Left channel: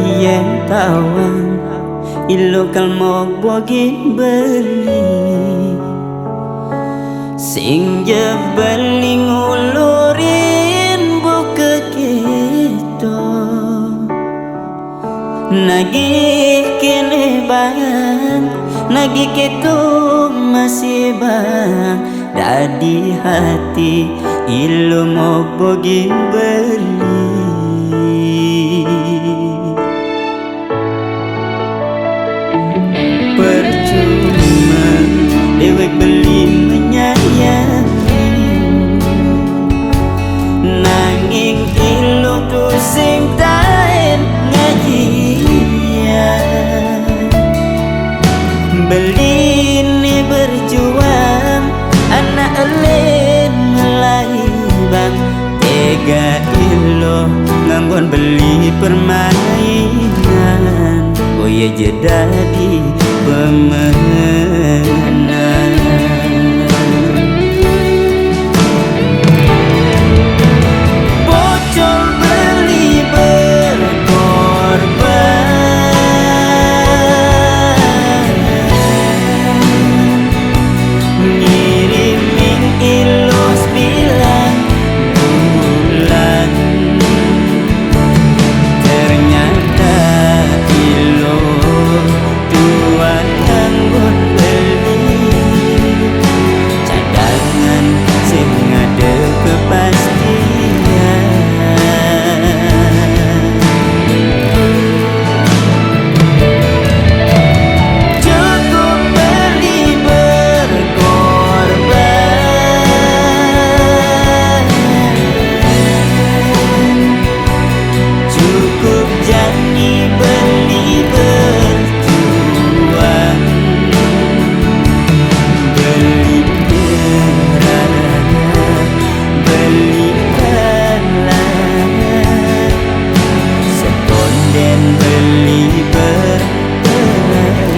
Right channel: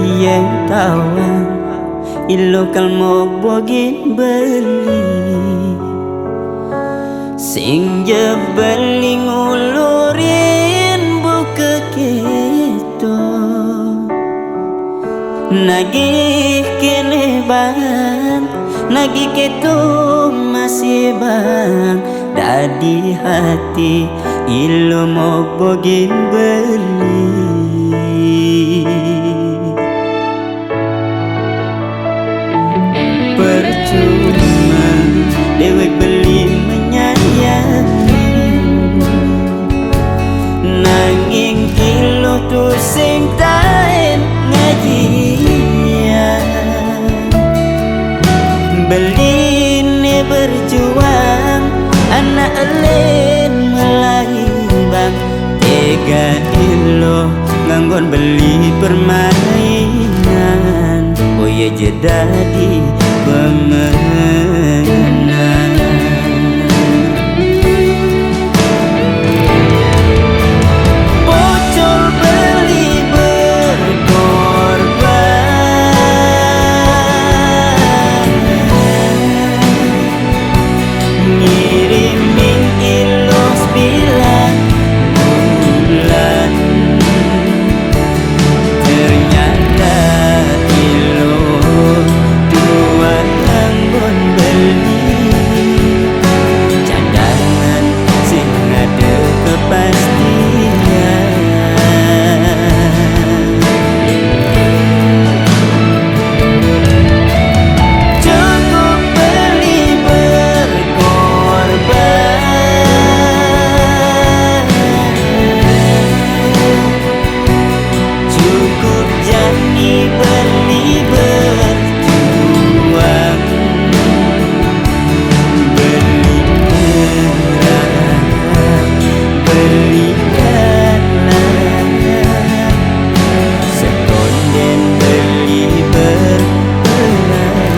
yang tawang ilo kalmog bogin beli sing jebeling ulurin buka keto nagih kene bang nagih keto masih bang dadi hati ilo mau bogin beli percuma dewek beli menyayangi nanging ilo tu sing tain ngajian beli ne berjuang anak elen melai bang tega ilo nganggon beli permainan boya jadi pemenang bocol beli berkorban ngirimin ilos bilang bulan ternyata ilo tuan anggun beli cadangan sing ada kepastian cukup beli berkorban cukup jani beli berjuang beli nyerah beli kalah setonden beli berperang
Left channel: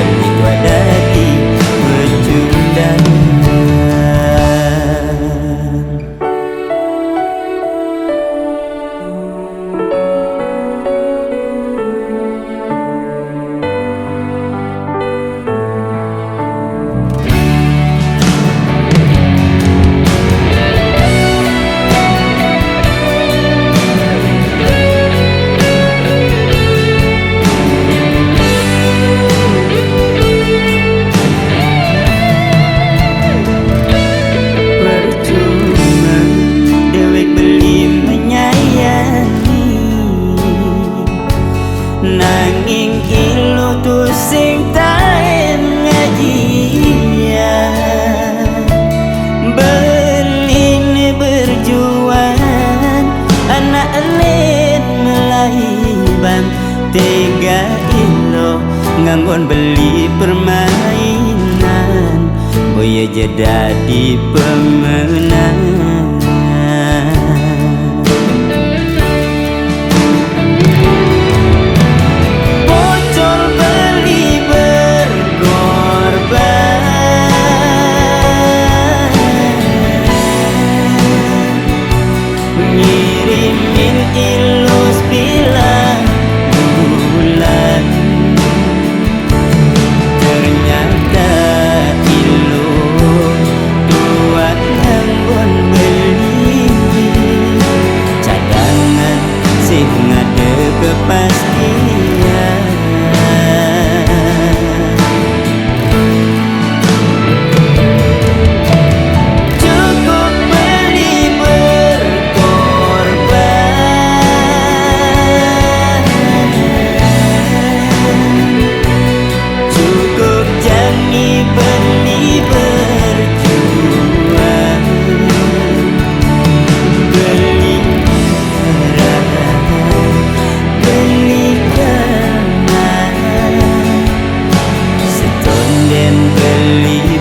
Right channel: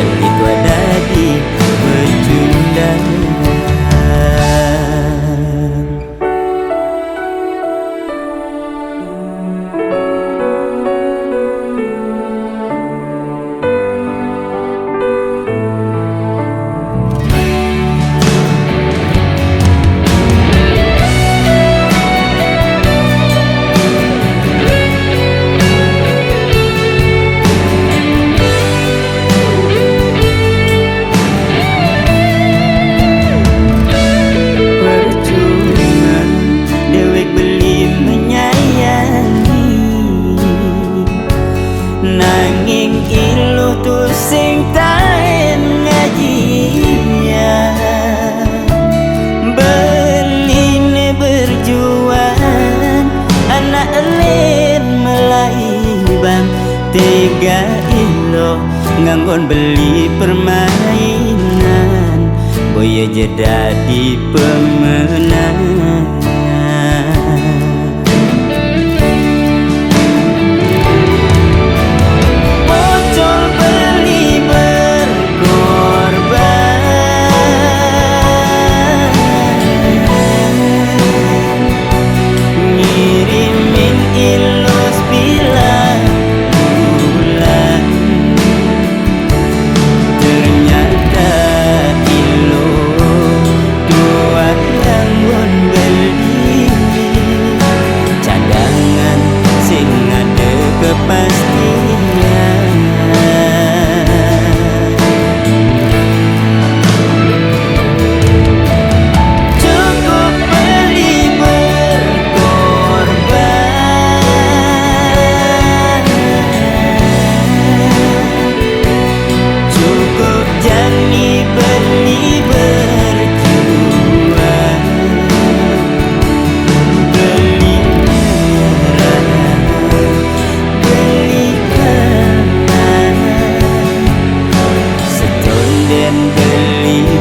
beli tua dadi pecundang nanging ilo tu sing tain ngajian beli ne berjuang anak elen melai bang tega ilo nganggon beli permainan boya jadi pemenang ngirimin ilus bilang bulan ternyata ilo tuan anggun beli cadangan sing ada kepastian cukup beli jani beli berjuang beli nyerah beli kalah setonden beli